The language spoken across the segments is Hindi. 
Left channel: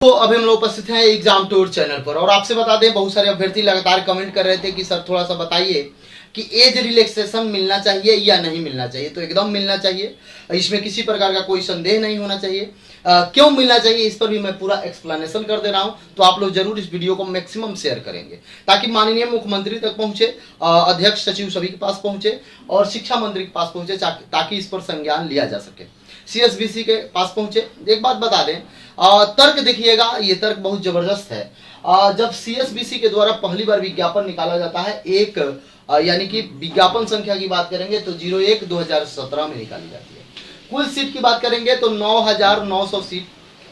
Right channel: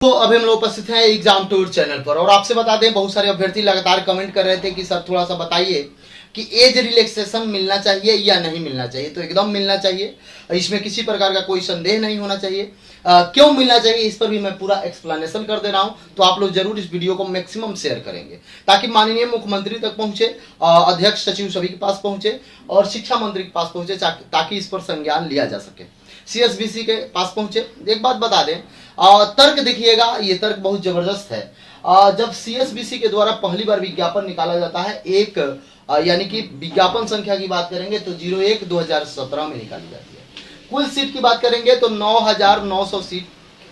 तो अभी हम लोग उपस्थित हैं एग्जाम टूर चैनल पर और आपसे बता दें, बहुत सारे अभ्यर्थी लगातार कमेंट कर रहे थे कि सर थोड़ा सा बताइए कि एज रिलैक्सेशन मिलना चाहिए या नहीं मिलना चाहिए। तो एकदम मिलना चाहिए, इसमें किसी प्रकार का कोई संदेह नहीं होना चाहिए। क्यों मिलना चाहिए इस पर भी मैं पूरा एक्सप्लेनेशन कर दे रहा हूं, तो आप लोग जरूर इस वीडियो को मैक्सिमम शेयर करेंगे ताकि माननीय मुख्यमंत्री तक पहुंचे, अध्यक्ष सचिव सभी के पास पहुंचे और शिक्षा मंत्री के पास पहुंचे ताकि इस पर संज्ञान लिया जा सके। CSBC के पास पहुंचे। एक बात बता दें, तर्क देखिएगा, ये तर्क बहुत जबरदस्त है। जब CSBC के द्वारा पहली बार विज्ञापन निकाला जाता है, एक यानी कि विज्ञापन संख्या की बात करेंगे तो 01/2017 में निकाली जाती है। कुल सीट की बात करेंगे तो 9,900 सीट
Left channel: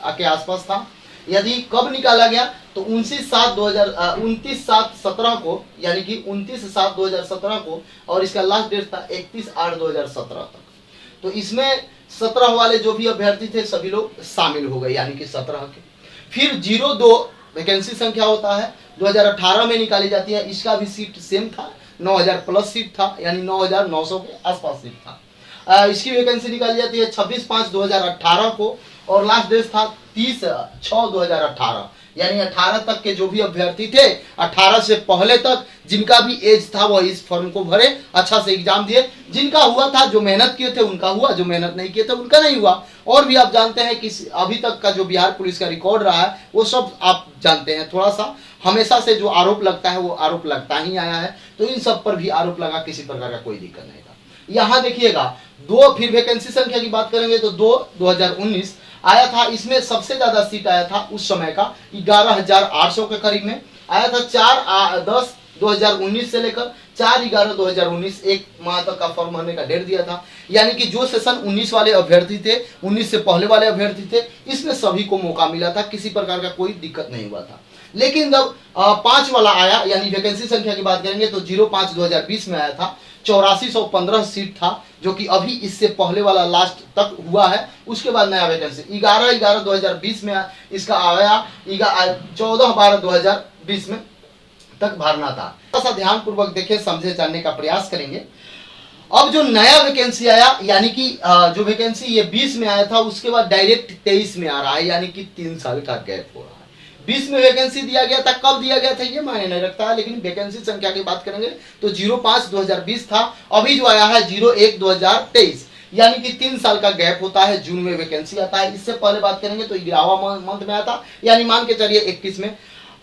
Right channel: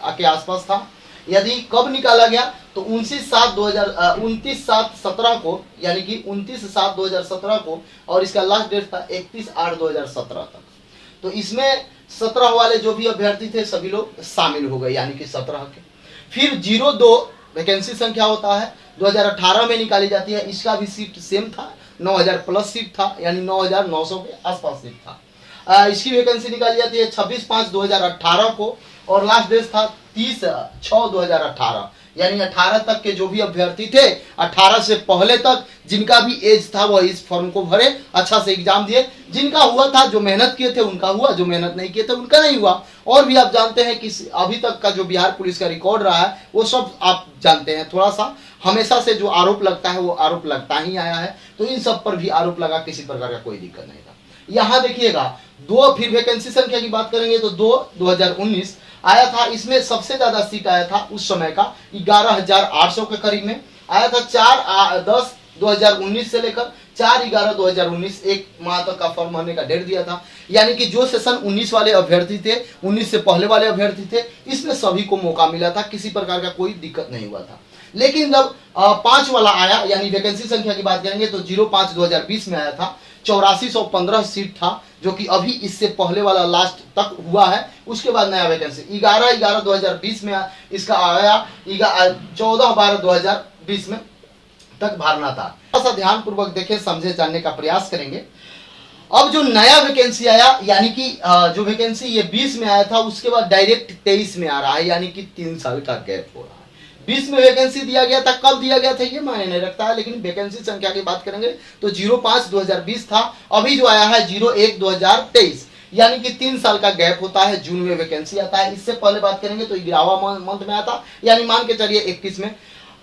के आसपास था। यदि कब निकाला गया तो 29/7/2017 को, यानी कि 29/7/2017 को, और इसका लास्ट डेट था 31/8/2017 तक। तो इसमें 17 वाले जो भी अभ्यर्थी थे सभी लोग शामिल हो गए, यानी कि 17 के। फिर 02 वैकेंसी संख्या होता है, 2018 में निकाली जाती है। इसका भी सीट सेम था, 9,000 प्लस सीट था, यानी 9,900 के आसपास सीट था। इसकी वैकेंसी निकाली जाती है 26/5/2018 को और लास्ट डेट था 30/6/2018, यानी 18 तक के जो भी अभ्यर्थी थे, 18 से पहले तक जिनका भी एज था वह इस फॉर्म को भरे, अच्छा से एग्जाम दिए। जिनका हुआ था, जो मेहनत किए थे उनका हुआ, जो मेहनत नहीं किए थे उनका नहीं हुआ। और भी आप जानते हैं कि अभी तक का जो बिहार पुलिस का रिकॉर्ड रहा है वो सब आप जानते हैं। थोड़ा सा हमेशा से जो आरोप लगता है वो आरोप लगता ही आया है, तो इन सब पर भी आरोप लगा, किसी प्रकार का कोई दिक्कत नहीं था। यहाँ देखिएगा 2, फिर वैकेंसी संख्या की बात करेंगे तो 2/2019 आया था। इसमें सबसे ज्यादा सीट आया था उस समय का 11,800 के करीब में आया था। 4/10/2019 से लेकर 4/11/2019 एक माह तक का फॉर्म भरने का डेट दिया था। यानी कि जो सेशन 19 वाले अभ्यर्थी थे, 19 से पहले वाले अभ्यर्थी थे, इसमें सभी को मौका मिला था, किसी प्रकार का कोई दिक्कत नहीं हुआ था। लेकिन जब 5 वाला आया, यानी वैकेंसी संख्या की बात करेंगे तो 05/2020 में आया था। 8415 सीट था, जो कि अभी इससे पहले वाला लास्ट तक हुआ है। उसके बाद नया वैकेंसी 11/11/2020 में इसका आया, 14/12/2020 में तक भरना था। थोड़ा सा ध्यान पूर्वक देखें, समझे, जानने का प्रयास करेंगे। अब जो नया वैकेंसी आया, यानी कि जो वैकेंसी ये 20 में आया था, उसके बाद डायरेक्ट 23 में आ रहा है, यानी कि 3 साल का गैप हो रहा है। 20 में वैकेंसी दिया गया था, कब दिया गया था ये मायने नहीं रखता है, लेकिन वैकेंसी संख्या की बात करेंगे तो 05/2020 था। अभी जो आया है 01/2023, यानी कि 3 साल का गैप होता है। जून में वैकेंसी आता है। इससे पहले बात करेंगे तो 11वां मंथ में आता, यानी मान के चलिए 21 में।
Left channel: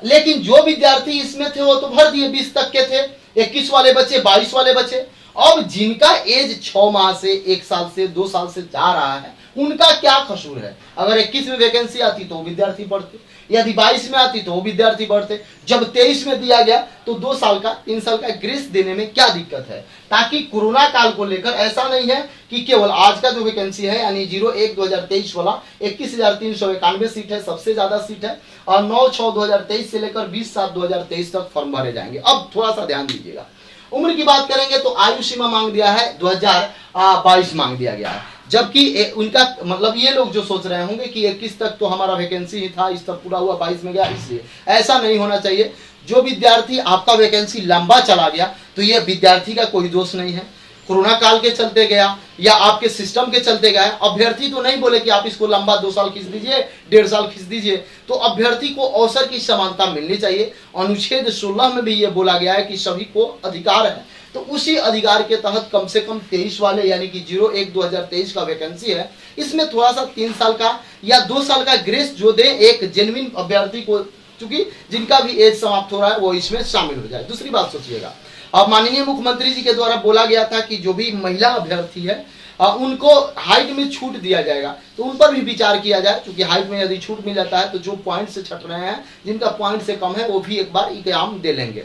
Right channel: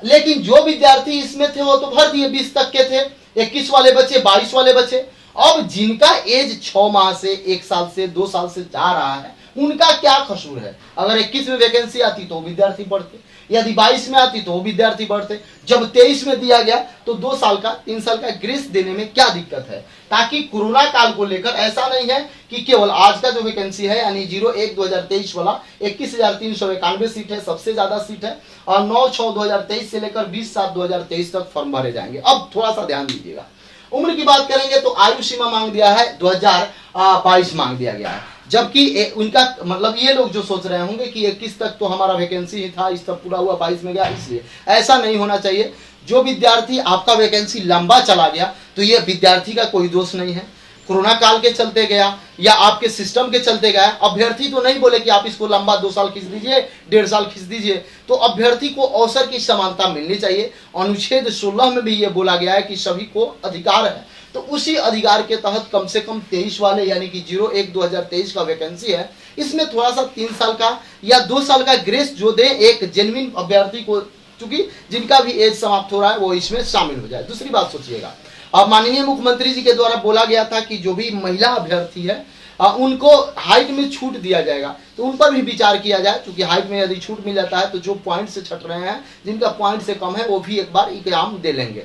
लेकिन जो विद्यार्थी इसमें थे वो तो भर दिए, 20 तक के थे, 21 वाले बचे, 22 वाले बचे। अब जिनका एज 6 माह से, 1 साल से, 2 साल से जा रहा है, उनका क्या कसूर है? अगर 21 में वैकेंसी आती तो विद्यार्थी बढ़ते, यदि 22 में आती तो विद्यार्थी बढ़ते। जब 23 में दिया गया तो 2 साल का, 3 साल का ग्रेस देने में क्या दिक्कत है? ताकि कोरोना काल को लेकर ऐसा नहीं है कि केवल आज का जो वैकेंसी है, यानी 01/2023 वाला 21,391 सीट है, सबसे ज्यादा सीट है, और 9/6/2023 से लेकर 20/7/2023 तक फॉर्म भरे जाएंगे। अब थोड़ा सा ध्यान दीजिएगा। उम्र की बात करेंगे तो आयु सीमा मांग दिया है 2022 मांग दिया गया है, जबकि उनका मतलब ये लोग जो सोच रहे होंगे कि 21 तक तो हमारा वैकेंसी ही था, इस तक पूरा हुआ, 22 में गया, इसलिए ऐसा नहीं होना चाहिए। जो विद्यार्थी आपका वैकेंसी लंबा चला गया तो ये विद्यार्थी का कोई दोष नहीं है, कोरोना काल के चलते गया या आपके सिस्टम के चलते गया। अभ्यर्थी तो नहीं बोले कि आप इसको लंबा 2 साल खींच दीजिए, 1.5 साल खींच दीजिए। तो अभ्यर्थी को अवसर की समानता मिलनी चाहिए। अनुच्छेद 16 में भी ये बोला गया है कि सभी को अधिकार है, तो उसी अधिकार के तहत कम से कम 23 वाले, यानी कि 01/2023 का वैकेंसी है, इसमें थोड़ा सा 3 साल का या 2 साल का ग्रेस जो दे एक जेन्युइन अभ्यर्थी को, चूंकि जिनका भी एज समाप्त हो रहा है वो इसमें शामिल हो जाए। दूसरी बात सोचिएगा, अब माननीय मुख्यमंत्री जी के द्वारा बोला गया था कि जो भी महिला अभ्यर्थी है उनको हाइट में छूट दिया जाएगा, तो उन पर भी विचार किया जाए। क्योंकि हाइट में यदि छूट मिल जाता है तो जो पॉइंट से छट रहे हैं, जिनका पॉइंट से कम है, वो भी एक बार एग्जाम दे लेंगे।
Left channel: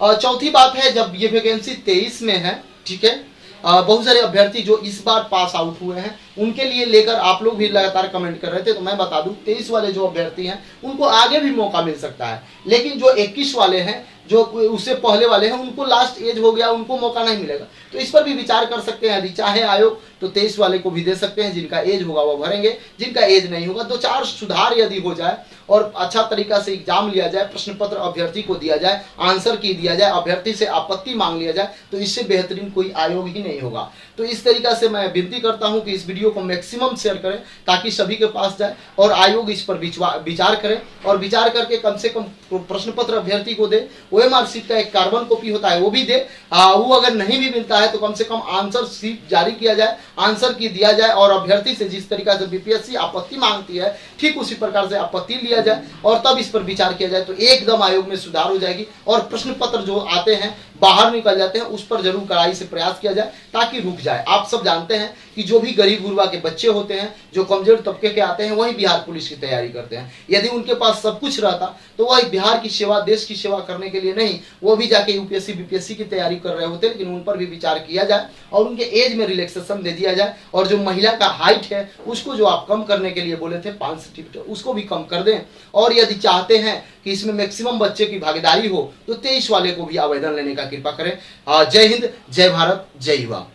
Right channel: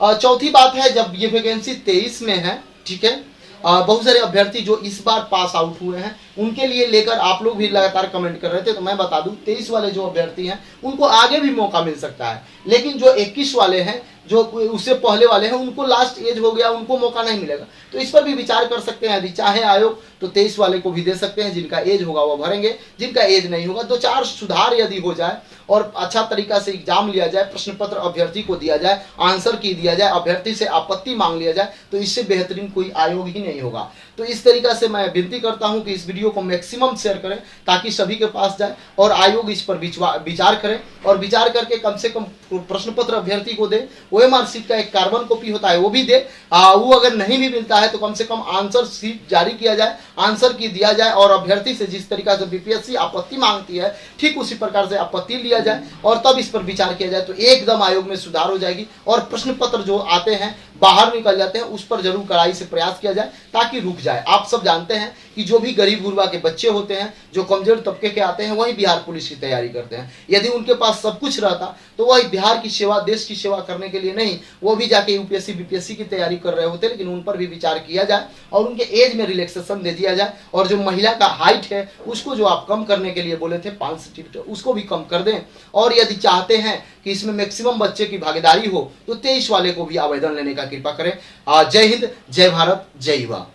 चौथी बात है, जब ये वैकेंसी 23 में है, ठीक है, बहुत सारे अभ्यर्थी जो इस बार पास आउट हुए हैं उनके लिए लेकर आप लोग भी लगातार कमेंट कर रहे थे, तो मैं बता दूं 23 वाले जो अभ्यर्थी हैं उनको आगे भी मौका मिल सकता है। लेकिन जो 21 वाले हैं, जो उससे पहले वाले हैं, उनको लास्ट एज हो गया, उनको मौका नहीं मिलेगा। तो इस पर भी विचार कर सकते हैं। यदि चाहे आयोग तो 23 वाले को भी दे सकते हैं, जिनका एज होगा वो भरेंगे, जिनका एज नहीं होगा 2-4 सुधार यदि हो जाए और अच्छा तरीका से एग्जाम लिया जाए, प्रश्न पत्र अभ्यर्थी को दिया जाए, आंसर की दिया जाए, अभ्यर्थी से आपत्ति मांग लिया जाए, तो इससे बेहतरीन कोई आयोग ही नहीं होगा। तो इस तरीका से मैं विनती करता हूं कि इस वीडियो वीडियो को मैक्सिमम शेयर करें ताकि सभी के पास जाए और आयोग इस पर विचार करे और विचार करके कम से कम प्रश्न पत्र अभ्यर्थी को दे। ओएमआर शीट का एक कार्बन कॉपी होता है वो भी दे। वो अगर नहीं भी मिलता है तो कम से कम आंसर शीट जारी किया जाए, आंसर की दिया जाए और अभ्यर्थी से जिस तरीका से बीपीएससी आपत्ति मांगती है ठीक उसी प्रकार से आपत्ति लिया जाए और तब इस पर विचार किया जाए तो एकदम आयोग में सुधार हो जाएगी और प्रश्न पत्र जो आते हैं बाहर निकल जाते हैं उस पर जरूर कड़ाई से प्रयास किया जाए ताकि रुक जाए। आप सब जानते हैं कि जो भी गरीब गुरबा के बच्चे होते हैं, जो कमजोर तबके के आते हैं, वही बिहार पुलिस की तैयारी करते हैं। यदि उनके पास सब कुछ रहता तो वही बिहार की सेवा, देश की सेवा करने के लिए नहीं, वो भी जाके यूपीएससी बीपीएससी की तैयारी कर रहे होते। लेकिन उन पर भी विचार किया जाए और उनके एज में रिलैक्सेशन दे दिया जाए और जो महिला का हाइट है उसको जो आप कम करने के लिए बोले थे 5 फीट उसको भी कम कर दें। और यदि चाहते हैं कि इसमें मैक्सिमम बच्चे की भागीदारी हो तो 23 वाले को भी आवेदन लेने का कृपा करें। जय हिंद, जय भारत, जय युवा।